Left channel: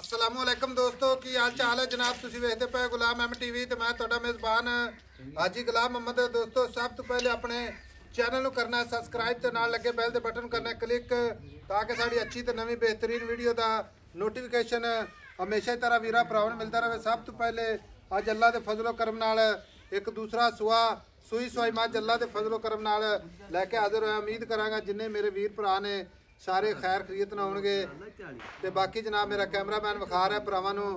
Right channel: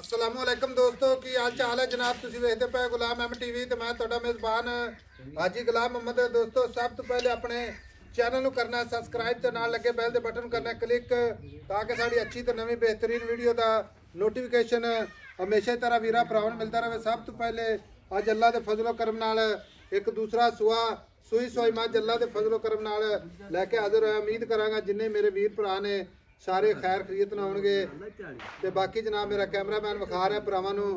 अस्सलामुअलैकुम दोस्तों की हाल चाल है जनाब। तुसी वेखदे पे गुलाम एम टीवी ते मैं तुहाडा मेज़बान हाजी गुलाम मोहम्मद। दोस्तों सब तो पहले अपने चैनल नूं करना सबसक्राइब ते नाल लगे बैल दे बटन करना क्लिक ताकि साडी अच्छी ते नवीं बेहतरीन वीडियो दा नोटिफिकेशन हमेशा तरह वीरा भरावां नूं मिलदा रहे। सब तो पहले अज अल्लाह दे फजलो करम नाल एक दूसरा सूई सोई मझ अल्लाह दे फजलो करम नाल लैके हाजिर होया। उम्मीद करांगा जिन्ने मेरे वीर भरा ने सारे खैर खरीत ना होणगे ते बाकी जनाब मेरा कैमरामैन विखा रहा भरावां नूं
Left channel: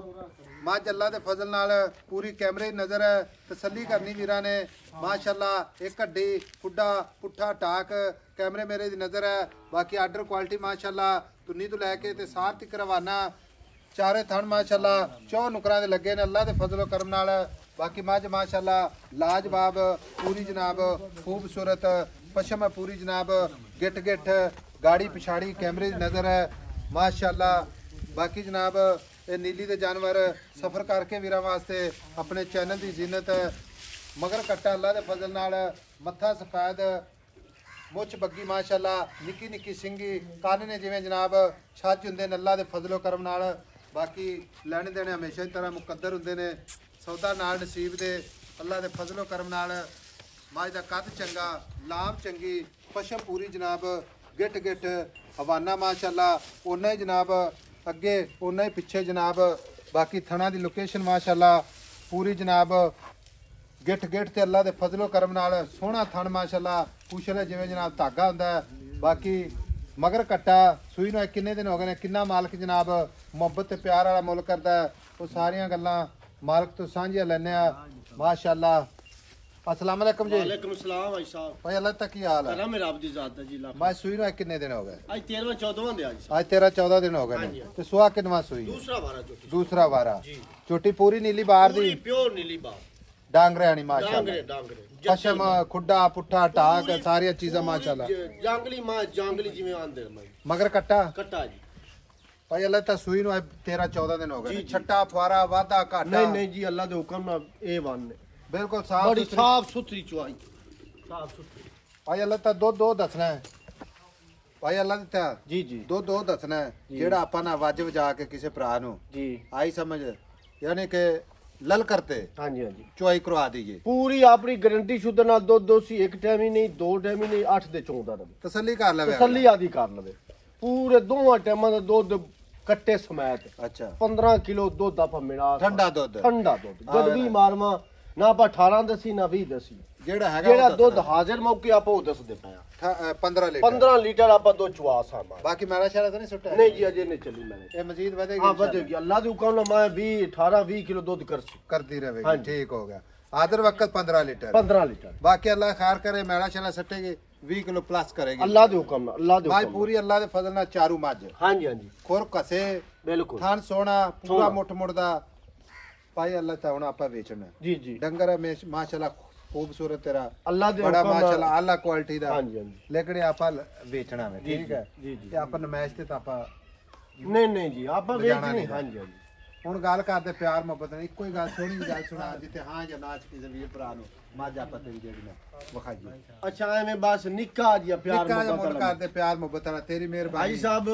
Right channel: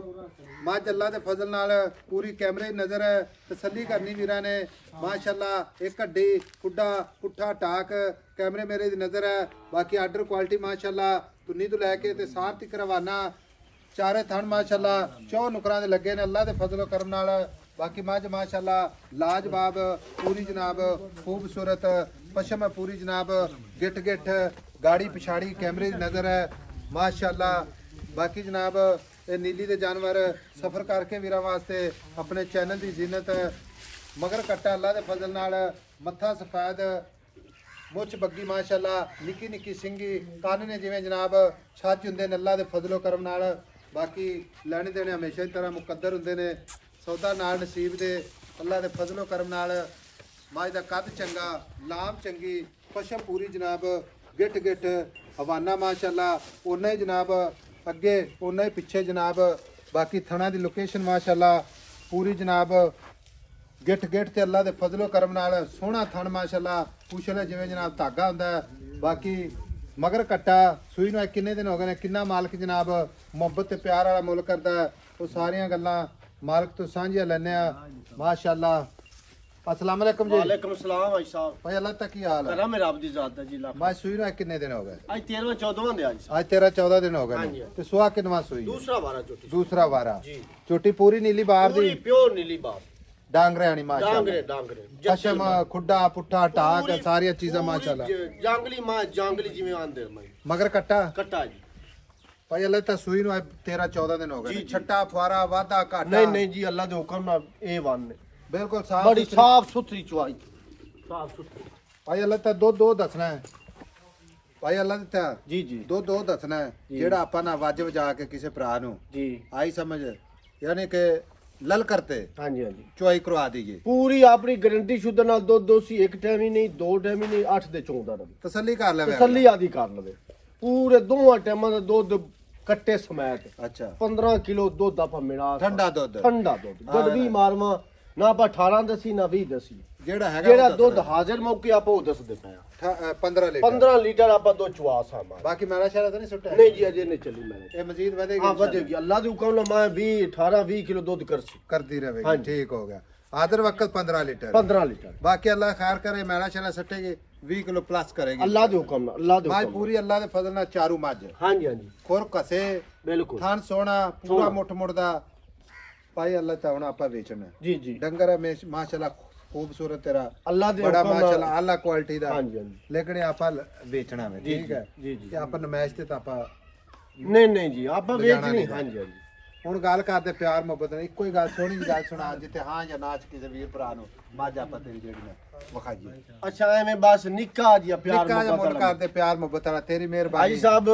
मझ अल्लाह दे फजल नाल पूरी कैमरे नज़र तसल्ली करनी वीरां ने माशाअल्लाह। एक हड्डी खुड्डा पुट्ठा टाक कैमरे मेरे दी नज़र है। बाकी आर्डर क्वालिटी माशाअल्लाह तुन्नी तो लैके ते सार तक रवाना चारे थण माशाअल्लाह चौ नुकरां दे लगे ने अल्लाह दे फजलो करम नाल। बाकी मझ माशाअल्लाह लाजवाब पूरी जनाब खूबसूरत पशम पूरी जनाब गिट गिट गाड़ी पिछाड़ी कैमरे की नज़र है माशाअल्लाह। बाकी जनाब ये नीली दे जानवर सफ़र करके वीरां वास्ते अपने चैनल की जीनत मगर कट्टा अल्लाह दे फजल नाल मत्था सफेद मुछ बग्गी माशाअल्लाह निक्की निक्की सिंगी कान ने जिवें जनाब छज हुंदे ने अल्लाह दे फजलो करम नाल। बाकी लैने देने हमेशा की तरह मुकद्दर हुंदे ने सौदा नाल नसीब दे अल्लाह दे फजलो करम नाल। मझ दा कद चंगा लाम चंगी पशम पूरी जनाब गिट गिट हवाना माशाअल्लाह उन्ना ही जनाब अगे उन्ना ही पिछे जनाब। बाकी थना दी लोकेशन माशाअल्लाह पूरी जनाब गिट गिट ते अल्लाह दे फजलो करम नाल सोहना थन माशाअल्लाह पूछला जिवें जनाब धागा हुंदा। बाकी मगर कट्टा सूई नूं किन्ने दिन हो गए ने किन्ना मालक जनाब मुहब्बत ते प्यार वाला मुल करदा है वो सारियां गल्लां मालक तो सांझियां लैने आ माशाअल्लाह। अस्सलाम वालेकुम जी। वालेकुम सलाम भाई साहब। भाई अल्लाह तक की हाल है? करा मेरा आपदी जात है जी ला। मैं सूई नो कितने दिन हो गए? आज 13 14 दे आज 13 14 दिन हो गए ने। ते सुहा किनवा सूई? दूसरा वारा चोटी। दूसरा वारा जी। चोटी पूरी नीली बार दी? पूरी प्योर नीली बार। डांगरे आनी माशाअल्लाह। डांगरे पशम खुड्डा पुट्ठा टाक सारी चीज़ां माशाअल्लाह। जांगली मां जांगली जिवें आंदे मगर कट्टा कट्टा जी। भाई अल्लाह ता सूई नो 13 14 दिन हो गए। छट्टा फुआरा वादा घाटा नहीं जी अल्लाह दे हुक्म नाल ए वन ने बिल्कुल साफ बड़ी साफ सुथरी चुआई साफ सुथरी। भाई अल्लाह ता दो दसना है भाई अल्लाह ता जी जी दो दसना है जेड़ा आपा ना वज वजा के किसी भरा नु जी आई समझ यानी कि लल करते हाँ जी हाँ जी चुआई करवा दीजिए पूरी अपनी गारंटी शुद्ध नाल दो सी एक टाइम ही नहीं दो टाइम ही नहीं 8 दे 14 रहे तसल्ली कर ले तसल्ली आदि कर लवे पूरे दोवां टाइमां दा दुध कट्टे समेत। अच्छा 15 किलो दुध आप मिला ठंडा दुध दुध भी मारवा ना आप 18 दसी ना 20 दसी जेड़ा दुध हाजिर मौके आप वो दस दे पाया 15 लीटर आप दो चुआ सा बाकी मेरा शायद तो नहीं सुट्टा नहीं जी अजे नहीं चली मैं ये मजीद बढ़ेगी। हां बढ़ेगी अल्लाह दे हुक्म नाल मैं 20 18 20 किलो दुध करती रहेगी। ठीक हो गया आदर वक्त 15 लीटर बाकी अल्लाह खैर करे मेरा शाला सटेगी 20 किलो प्लस करेगी अल्लाह दे हुक्म नाल। अल्लाह दे हुक्म पूरी अल्लाह दे फजल नाल चारू मज हां जी खुर कसे बिल्कुल थान सोना पूरा मुठ मुड़दा भाई अल्लाह ता हुन आपा बेचना जी जी डंगर में माशाल्लाह खूबसूरत तेरा अल्लाह दे बड़ा माशाल्लाह आला क्वालिटी दा हां जी लेकिन आपा बेचना है ठीक है जी जी आपा नमाइश ते आपा नहीं जी आपा बेचनी हां जी ਹੁਣ ਗੱਲ ਕਰਦੇ ਪਿਆਰ ਮੁਹੱਬਤ ਨਾਲ ਇੱਕੋ ਹੀ ਗੱਲ ਸੋਹਣੀ ਜੀ ਗੱਲ ਸੁਣਾ ਜਿੱਥੇ ਹਾਂ ਜਾਂ ਨਾ ਚ ਕਿਸੇ ਵੀ ਭਰਾ ਨੂੰ ਮਾਝਾ ਪਤੇ ਜਿਹੜੀ ਨੇ ਵਿਖਾ ਜੀ। ਅੱਛਾ ਐਵੇਂ ਬਸ ਨਿੱਕਾ ਜਿਹਾ ਪਿਆਰ ਮੁਹੱਬਤ ਕਰਦੇ ਪਿਆਰ ਮੁਹੱਬਤ ਨਾਲ ਤੇਰੀ ਮਿਹਰਬਾਨੀ। ਭਾਈ ਸਾਹਿਬ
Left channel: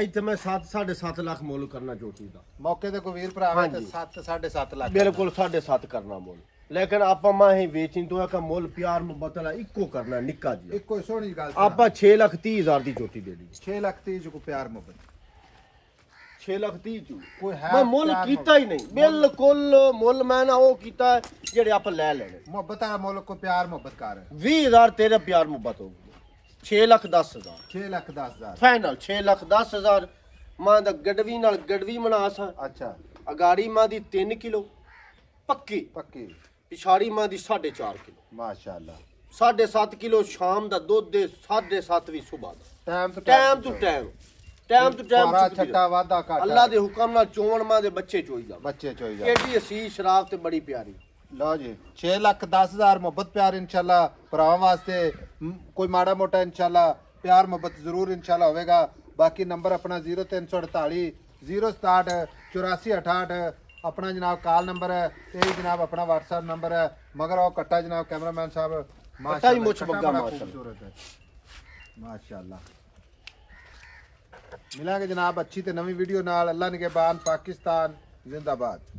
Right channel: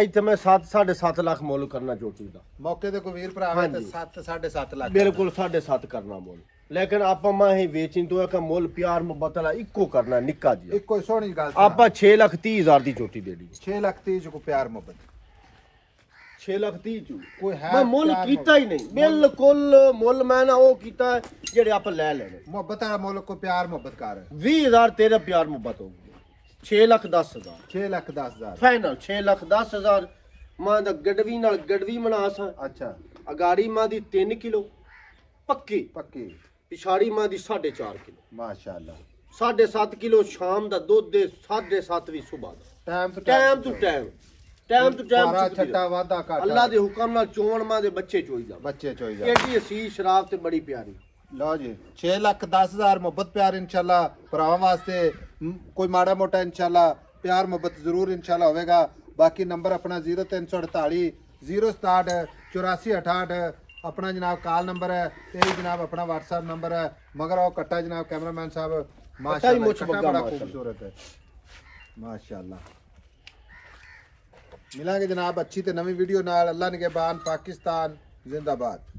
ਇੱਥੇ ਮੈਂ 7.5 ਲੱਖ ਮੁੱਲ ਕਰਨਾ ਚੋਟੀ ਦਾ ਮੌਕੇ ਤੇ ਕੋਈ ਵੀਰ ਭਰਾ ਹੈ ਤੇ 7.5 ਲੱਖ ਬਿਲਕੁਲ 7.5 ਕਰਨਾ ਮੁੱਲ ਲੇਕਿਨ ਆਪਾਂ ਮਾਹੀ ਵੇਚਣ ਤੋਂ ਇੱਕ ਮੁੱਲ ਪਿਆਰ ਮੁਹੱਬਤ ਨਾਲ ਇੱਕੋ ਕਰਨਾ ਨਿੱਕਾ ਜਿਹਾ ਇੱਕੋ ਸੋਹਣੀ ਗੱਲ ਆਪਾਂ 6,30,000 ਦੀ ਚੋਟੀ ਦੇ ਦੀ 6,30,000 ਕੋ ਪਿਆਰ ਮੁਹੱਬਤ 6,30,000 ਚੂ ਕੋਈ ਹੈ ਮੈਂ ਮੁੱਲ ਕੀਤਾ ਹੀ ਨਹੀਂ ਬਿਲਕੁਲ ਮੁੱਲ ਮੈਂ ਨਾ ਉਹ ਕੀਤਾ ਜਿਹੜੇ ਆਪ ਲੈ ਲੈਣੇ ਮੁਹੱਬਤ ਵਾਲਾ ਮੁੱਲ ਕੋ ਪਿਆਰ ਮੁਹੱਬਤ ਕਰ 20,000 ਤੇਰੇ ਪਿਆਰ ਮੁਹੱਬਤ ਹੋ ਗਈ 6,10,000 6,10,000 ਫਾਈਨਲ 6,10,000 ਮਾਂ ਦਾ ਗੜਵੀ ਨਾਲ ਗੜਵੀ ਮਨਾਸ। ਅੱਛਾ ਅਗਾੜੀ ਮਾਂ ਦੀ 3 ਕਿਲੋ ਪੱਕੀ ਪਿਛਾੜੀ ਮਾਂ ਦੀ 4.5 ਕਿਲੋ ਮਾਸ਼ਾਅੱਲਾ 7.5 ਕਿਲੋ ਸ਼ਾਮ ਦਾ ਦੁੱਧ ਦੇ 7.5 ਵੀ ਸਵੇਰ ਦਾ ਟਾਈਮ ਟਾਈਮ ਛੱਟਾ ਵਾਦਾ ਘਾਟਾ ਅੱਲਾਹ ਦੇ ਹੁਕਮ ਨਾਲ ਚੋਣ ਮਾਂ ਦੇ ਬੱਚੇ ਚੋਈਦਾ ਇਹਦੀ ਅਸੀ ਸ਼ਰਾਬ ਤੇ ਬੜੀ ਪਿਆਰੀ। ਲਓ ਜੀ 6,10,000 ਮੁਹੱਬਤ ਪਿਆਰ ਇੰਸ਼ਾਅੱਲਾ ਭਰਾਵਾਂ ਵਾਸਤੇ ਕੋਈ ਮਾੜਾ ਮੋਟਾ ਇੰਸ਼ਾਅੱਲਾ ਪਿਆਰ ਮੁਹੱਬਤ ਜ਼ਰੂਰ ਇੰਸ਼ਾਅੱਲਾ ਹੋਵੇਗਾ। ਬਾਕੀ ਨੰਬਰ ਆਪਣਾ 0348 067 8468 अपना जनाब कॉल नंबर है ते जनाब अपना व्हाट्सएप नंबर है मगर वो कट्टा जनाब कैमरामैन साहब माशाअल्लाह बड़ा खूबसूरत है माशाअल्लाह। ਮਿਲਾਂਗੇ ਜਨਾਬ ਅੱਛੀ ਤੇ ਨਵੀਂ ਵੀਡੀਓ ਨਾਲ। ਅੱਲਾ ਨਿਗਹਿਬਾਨ। ਪਾਕਿस्तान जिंदाबाद।